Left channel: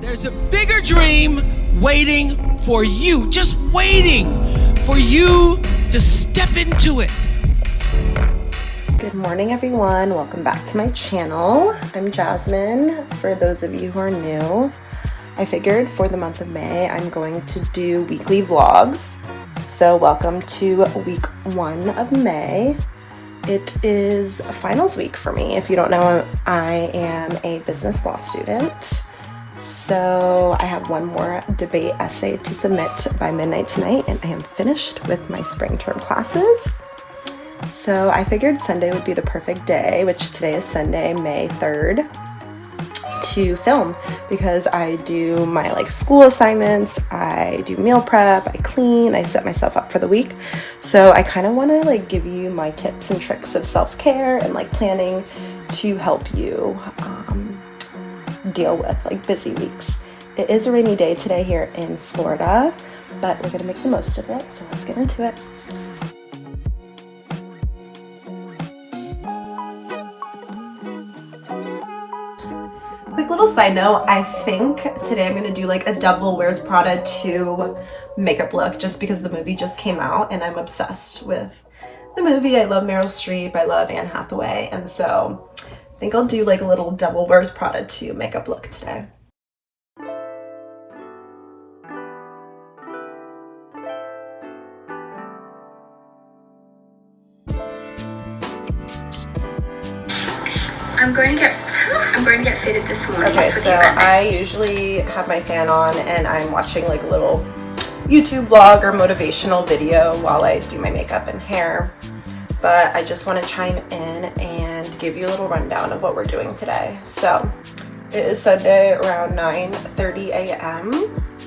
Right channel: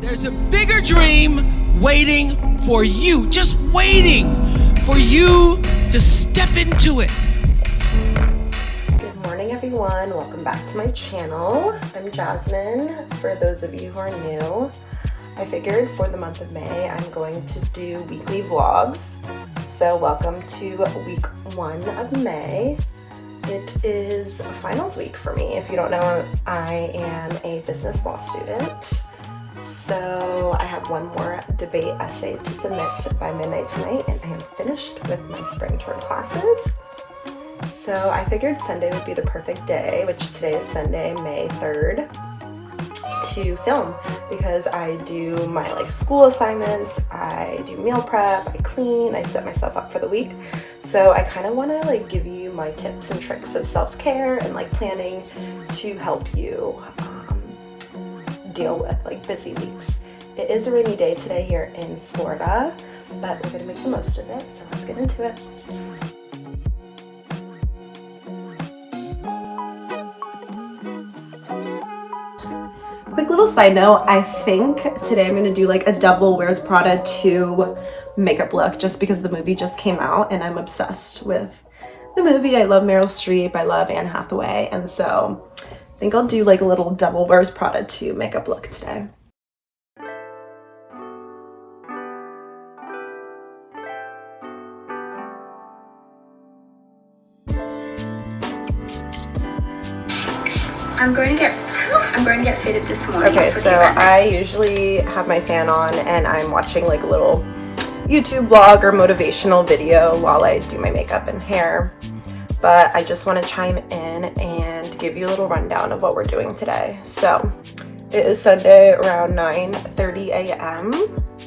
There's a bigger dream waiting for you, just waiting for you to step into it. Good morning, everyone. Welcome back to my channel. I'm Jasmine. For those of you who are new, I figured for the month of May, I'm going to do weekly vlogs. So welcome to week 1 of May. It is finals week for me. If you don't know, I am a business law student. So I have one more debate essay to submit by midnight tonight, and I am finished with my spring term classes. So I figured Sunday would be the perfect day, which today is Sunday, May 3rd, to film, because I do my school assignments, I do meal prep, I clean, I set myself up for the week. So I kind of want to give you my tips and tricks of self-care and planning to help you deal with busy weeks. It is a rainy day today here in Florida, but we're gonna make the most of it, so let's get into it. Quick little side note, I think today I'm gonna do a Devil Wears Prada 2 makeup look, just because the movie just came out and I'm obsessed with the movie. I love Meryl Streep, I love Anne Hathaway, and so I think I'll do a little Devil Wears Prada 2 makeup look today. I'm going to get fitted this morning for the event. I usually have my fan on and I'm watching a little YouTube vlog or motivational video while I do my makeup and hair. But I just want to chime in and give you a little rundown of what we're doing today. So it is Sunday around 9:30 a.m.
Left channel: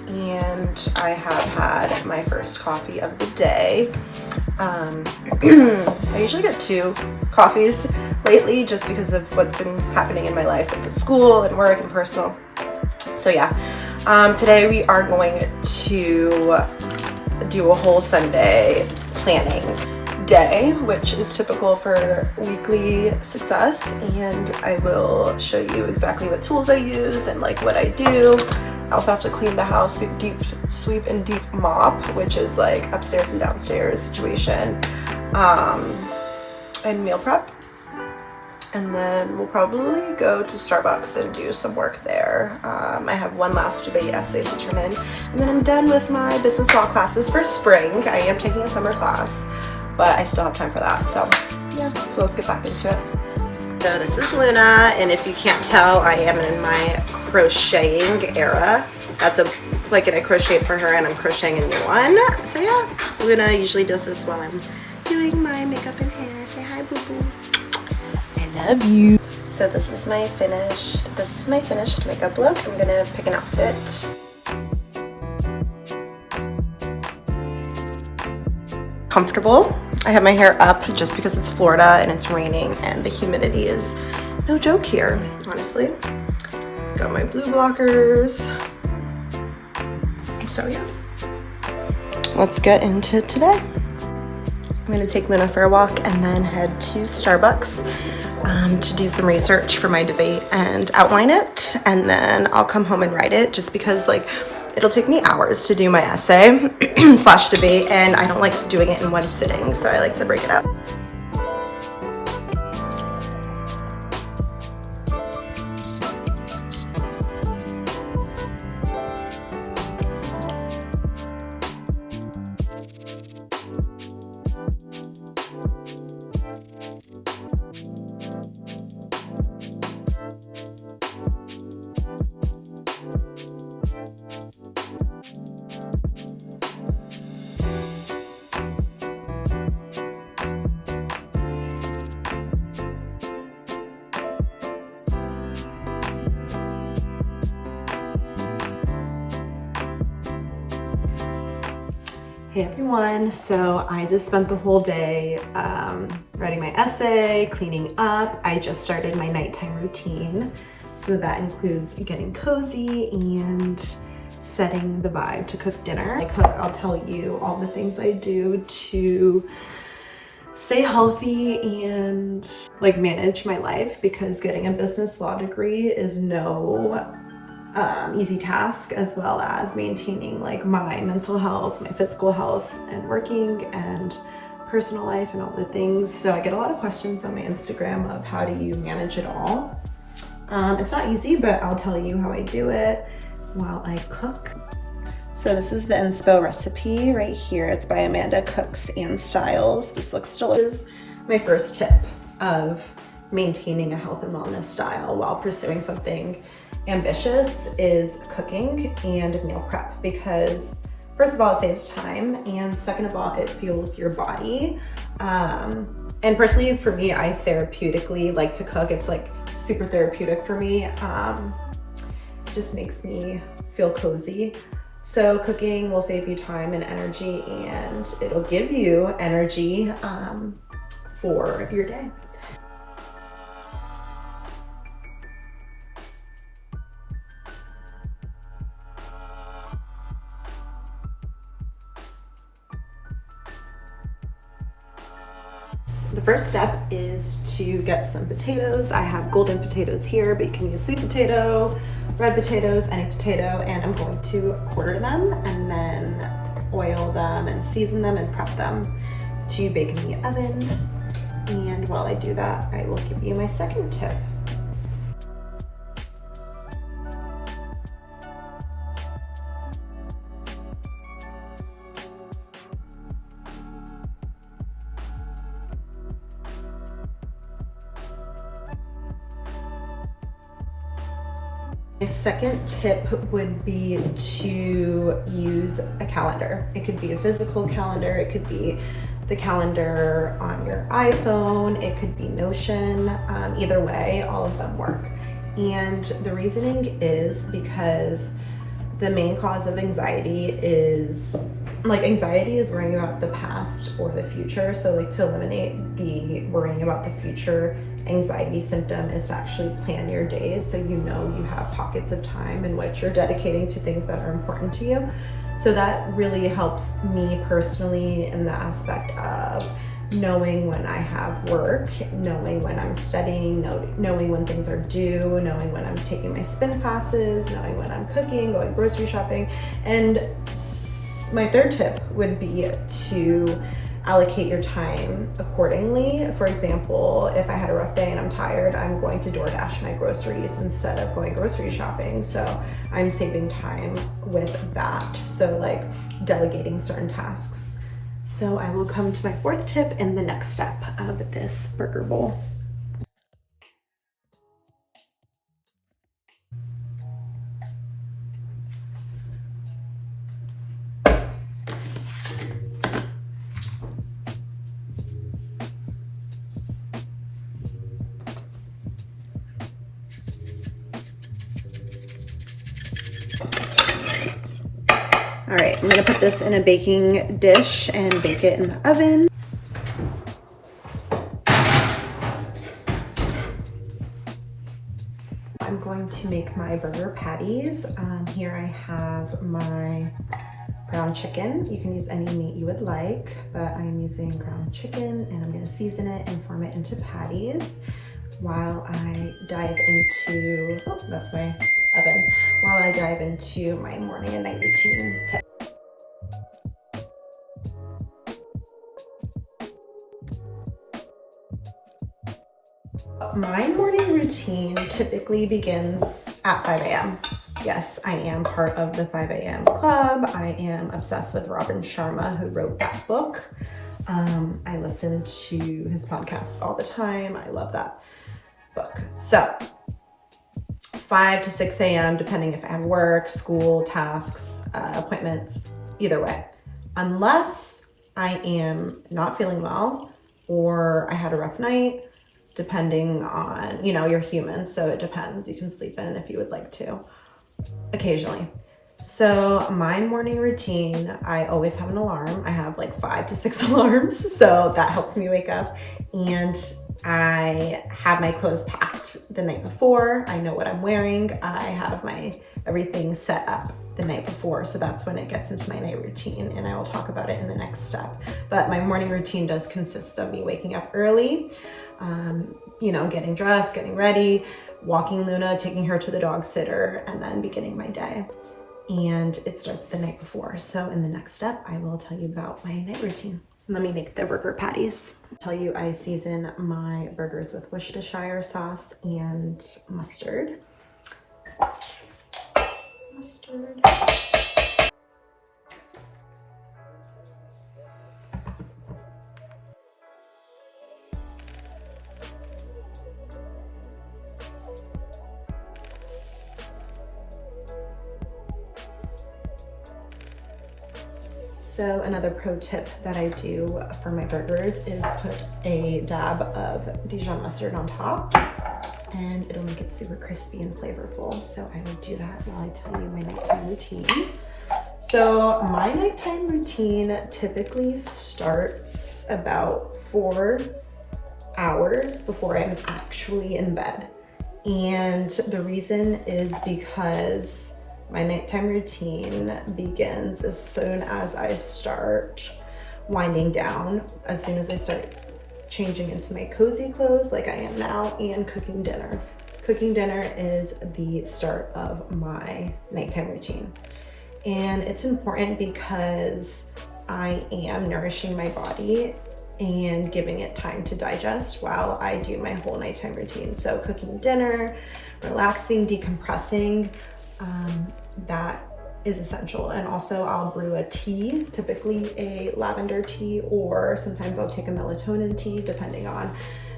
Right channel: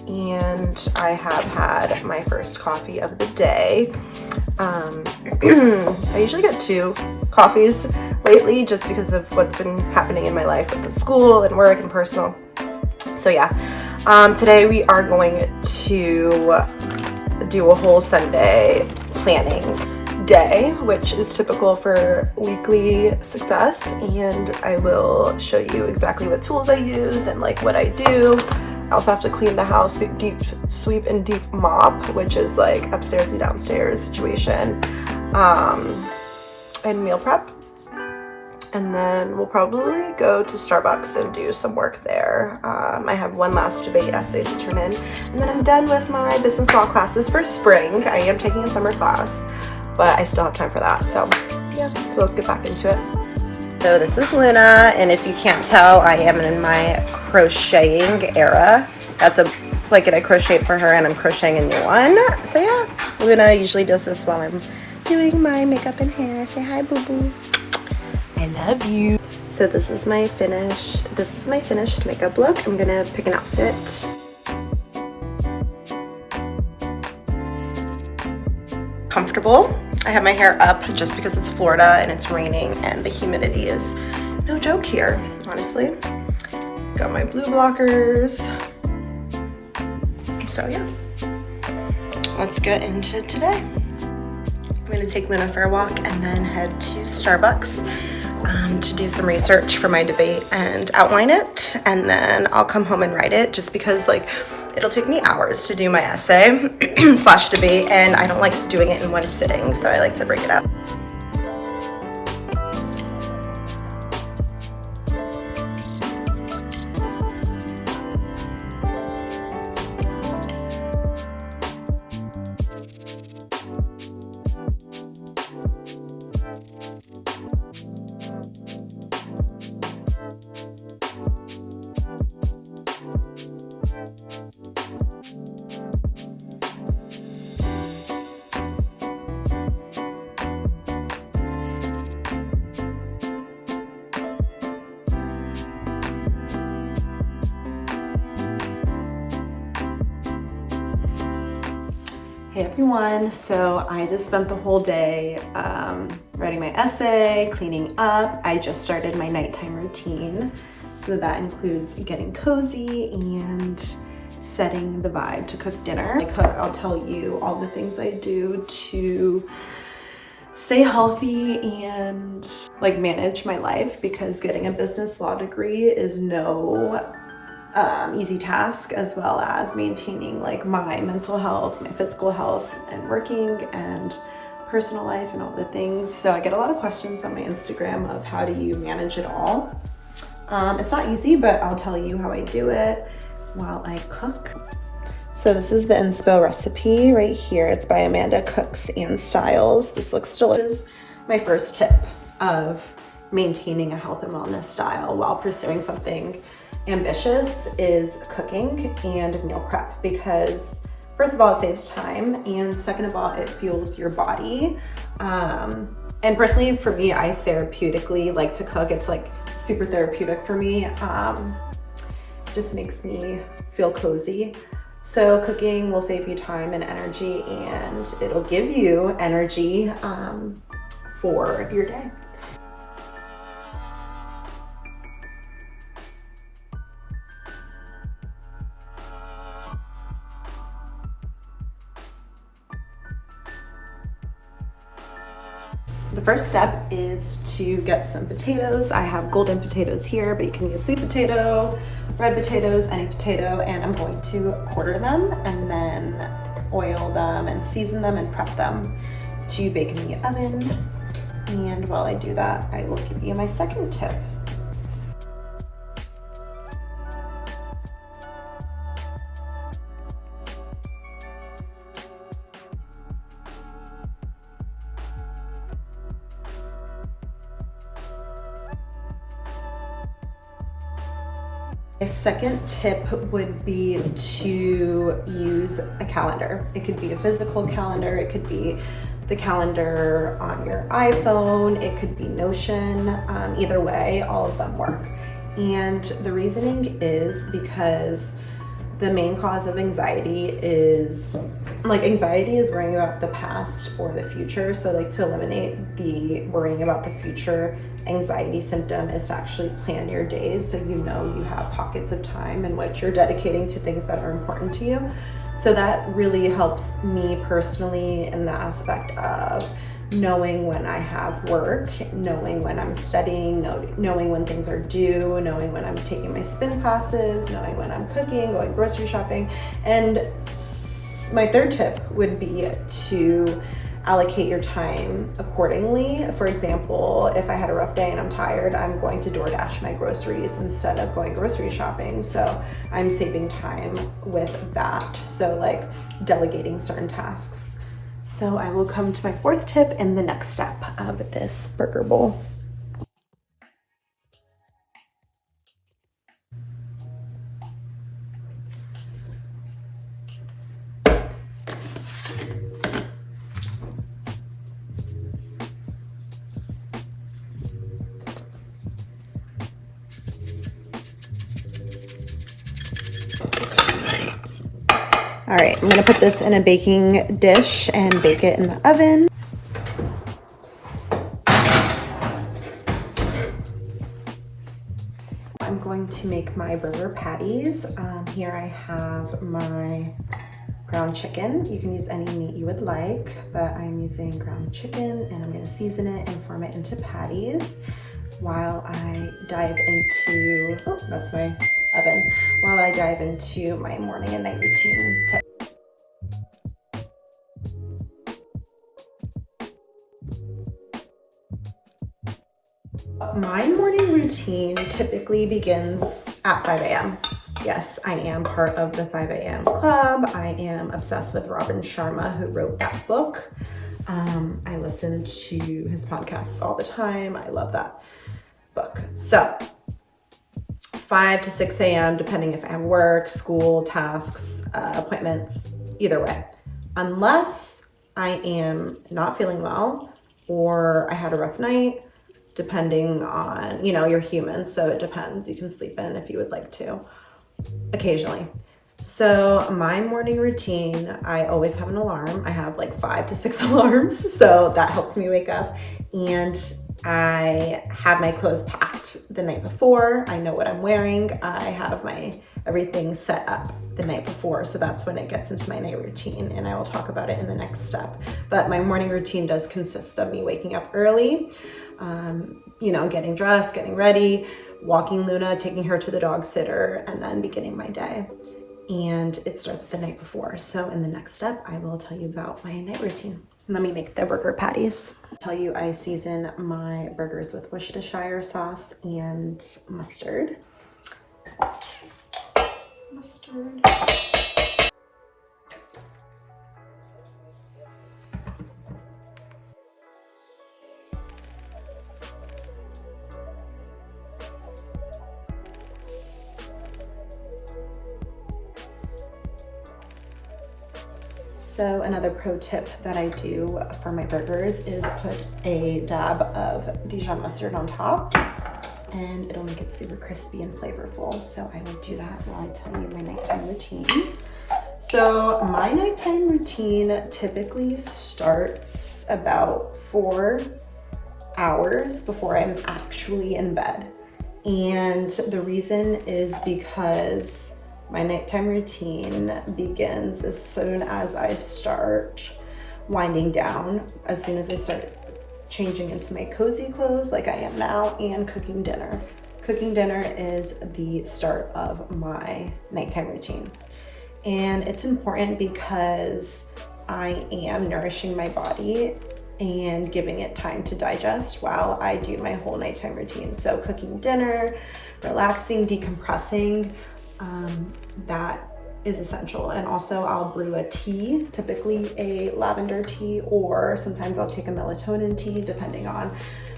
and I have had my first coffee of the day. I usually get 2 coffees lately just because of what's been happening in my life with the school and work and personal. So yeah, today we are going to do a whole Sunday planning day, which is typical for weekly success, and I will show you exactly what tools I use and what I do. I also have to clean the house, sweep and deep mop, which is upstairs and downstairs situation, and meal prep. And then we'll probably go to Starbucks and do some work there. I have one last debate essay to turn in, and then I'm done with my business law classes for spring. I am taking a summer class, but I still have time for that. So yeah, so let's get back into it. So this is Luna, and if you can't tell, I am in my crocheting era. That's a blanket I crocheted for her, and I'm crocheting a new one. So yeah, Luna usually does this while I'm doing my makeup and hair. Say hi, boo boo. I love you. So this is my finished makeup look. I'm gonna pick an outfit. Comfortable. I have my hair up just because it's Florida and it's raining and the humidity is no joke here, honestly. Got my blue blockers. So yeah, let's get into today. I'm gonna take Luna for a walk and then head to Starbucks to do some research for my debate and outline it, and then I'll come home and write it, just because it'll take me hours to do my essay slash debate, and I don't like doing it in one sitting, so I like to break it up. Hey everyone, so I just spent the whole day writing my essay, cleaning up. I just started my nighttime routine, so that includes getting cozy and setting the vibe to cook dinner. I cook, I'll tell you all the things I do to stay healthy and like manage my life, because getting a business law degree is no easy task, as well as maintaining like my mental health, my physical health, and working and personal life and all the things. So I get a lot of questions on my Instagram of how do you manage it all. It's not easy, but I'll tell you how I do it while I cook. So this is the inspo recipe right here. It's by Amanda Cooks and Styles. This looks delicious. My first tip of maintaining a health and wellness style while pursuing something ambitious is cooking and meal prep, because first of all, it saves time, and second of all, it fuels your body. And personally for me, I therapeutically like to cook. It's like super therapeutic for me. Just makes me feel cozy. So cooking will save you time and energy, and it'll give you energy for your day. The first step is to get some potatoes. I have golden potatoes here, but you can use sweet potato, red potatoes, any potato, and I'm going to quarter them and then oil them and season them and prep them to bake in the oven. And while I do that, I will give you my second tip. My second tip would be to use a calendar. It could be a physical calendar, it could be the calendar on your iPhone, it could be Notion. Either way, all of them work. And the reasoning is because the main cause of anxiety is worrying about the past or the future. So like to eliminate the worrying about the future anxiety symptom is to actually plan your days, so you know you have pockets of time in which you're dedicating to things that are important to you. So that really helps me personally in the aspect of knowing when I have work, knowing when I'm studying, knowing when things are due, knowing when I'm taking my spin classes, knowing when I'm cooking, going grocery shopping. And my third tip would be to allocate your time accordingly. For example, if I had a rough day and I'm tired, I'm going to DoorDash my groceries instead of going grocery shopping. So I'm saving time with that. So like delegating certain tasks. So I will come to my fourth tip in the next step of this burger bowl. All right, I'm gonna put this in a baking dish and bake it in the oven. I'm going to make my burger patties. Here I have my ground chicken. You can use any meat you would like, but I'm using ground chicken, and I'm gonna season it and form it into patties while I dive into, oh, that's my oven, while I dive into my morning and night routine tip. My morning routine typically begins at 5 a.m. Yes, I am part of the 5 a.m. club. I am obsessed with Robin Sharma, who wrote that book. I listen to his podcasts all the time. I love that book. So 5 to 6 a.m., depending if I have work, school, tasks, appointments, either way. Unless I am not feeling well or I had a rough night, depending on, you're human, so it depends. You can sleep in if you would like to, occasionally. So my morning routine, I always have an alarm. I have like 5 to 6 alarms, so that helps me wake up. And I have my clothes packed the night before. I know what I'm wearing. I have my everything set up the night before, so that's when it gets into my night routine, and I will talk about it in the next step. But my morning routine does consist of me waking up early, getting dressed, getting ready, walking Luna, taking her to the dog sitter, and then beginning my day. And it starts the night before. So in the next step, I will tell you about my night routine. Let me make the burger patties. I'll tell you, I season my burgers with Worcestershire sauce and mustard. So another pro tip that I do for my burgers is put a dab of Dijon mustard on top, and it'll make it super crispy and flavorful. So I will do that while I tell you my nighttime routine. So my nighttime routine typically starts about 4 hours before I'm actually in bed. And the reason is because my nighttime routine begins as soon as I start winding down, as soon as I start changing into my cozy clothes like I am now, and cooking dinner. Cooking dinner is the start of my nighttime routine. And it's important because I am nourishing my body and giving it time to digest while I do my whole nighttime routine. So cooking dinner, relaxing, decompressing, that is essential. And also I'll brew a tea, typically a lavender tea, or sometimes I'll take a melatonin tea depending on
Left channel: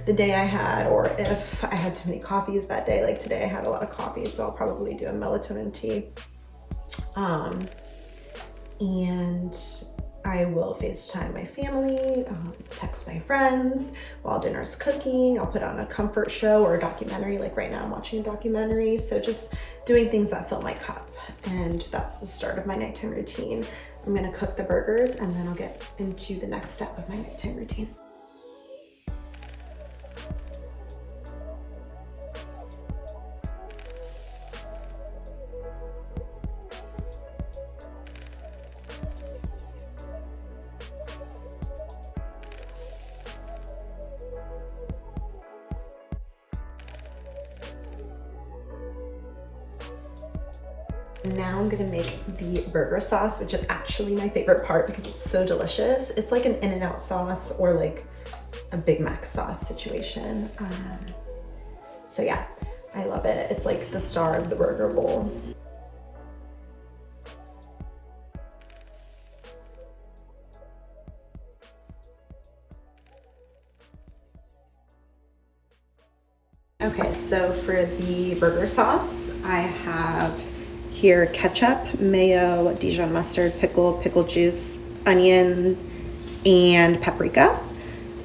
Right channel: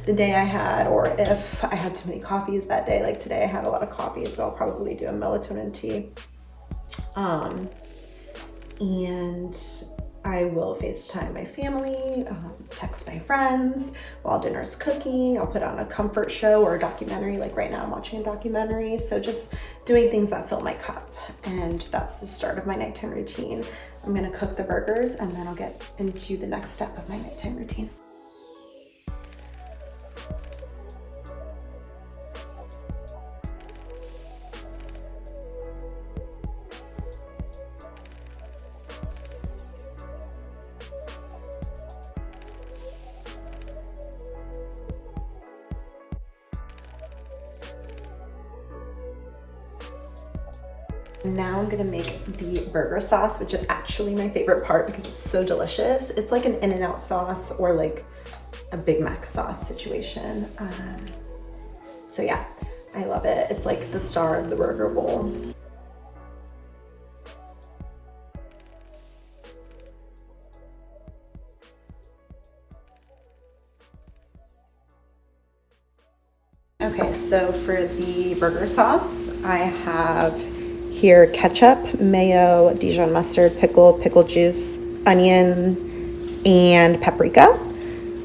the day I had, or if I had too many coffees that day. Like today I had a lot of coffee, so I'll probably do a melatonin tea. And I will FaceTime my family, text my friends while dinner's cooking. I'll put on a comfort show or a documentary. Like right now I'm watching a documentary. So just doing things that fill my cup. And that's the start of my nighttime routine. I'm gonna cook the burgers and then I'll get into the next step of my nighttime routine. Now I'm gonna make the burger sauce, which is actually my favorite part because it's so delicious. It's like an In-N-Out sauce or like a Big Mac sauce situation. So yeah, I love it. It's like the star of the burger bowl. Okay, so for the burger sauce, I have here ketchup, mayo, Dijon mustard, pickle juice, onion, and paprika.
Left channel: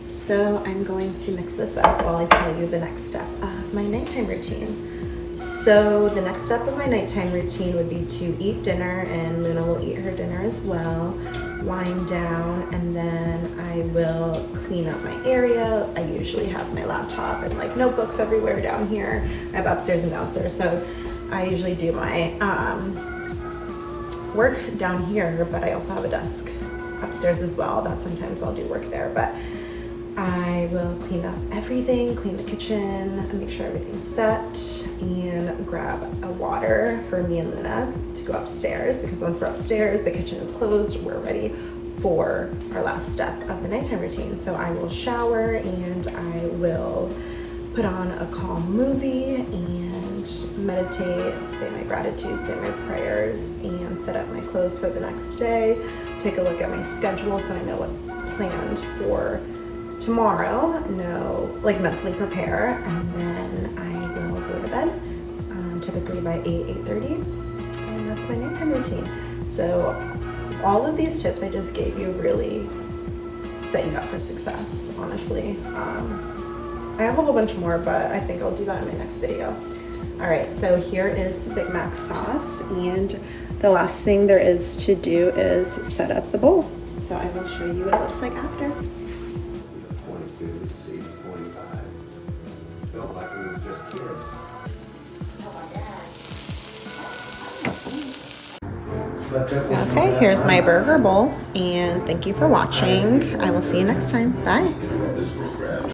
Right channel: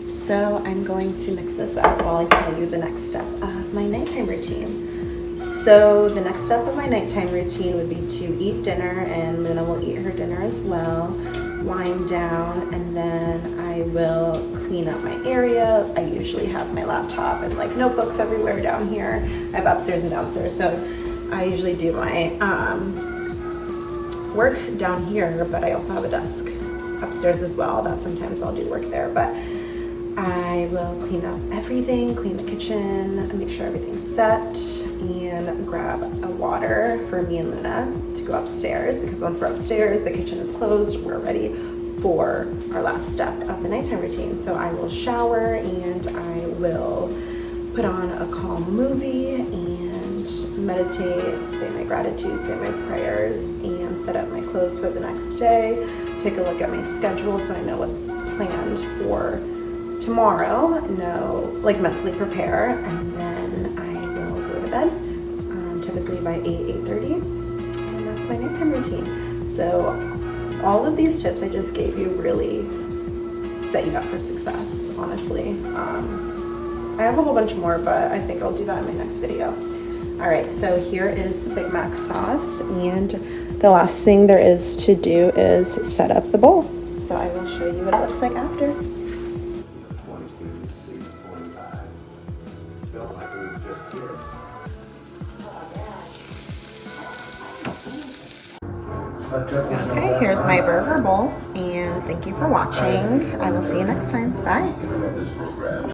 So I'm going to mix this up while I tell you the next step of my nighttime routine. So the next step of my nighttime routine would be to eat dinner, and Luna will eat her dinner as well, wind down, and then I will clean up my area. I usually have my laptop and like notebooks everywhere down here. I have upstairs and downstairs, so I usually do my work down here, but I also have a desk upstairs as well that sometimes I'll do work there. But I will clean up everything, clean the kitchen, make sure everything's set, and grab a water for me and Luna to go upstairs, because once we're upstairs, the kitchen is closed, we're ready for our last step of the nighttime routine. So I will shower and I will put on a calm movie and meditate, say my gratitude, say my prayers, and set up my clothes for the next day. Take a look at my schedule so I know what's planned for tomorrow, like mentally prepare, and then I will go to bed, typically by 8:30, and that's my nighttime routine. So all of these tips I just gave you really set you up for success, honestly. I have a whole bunch more, but I think I'll do that in my next video. All right, so here is the Big Mac sauce, and the last thing there is to do is set up the bowl. So I will show you what it looks like after. 22, see 25. Felt like we were just kids. Okay, here's my burger bowl, and thank you for watching. I will see you next time. Bye.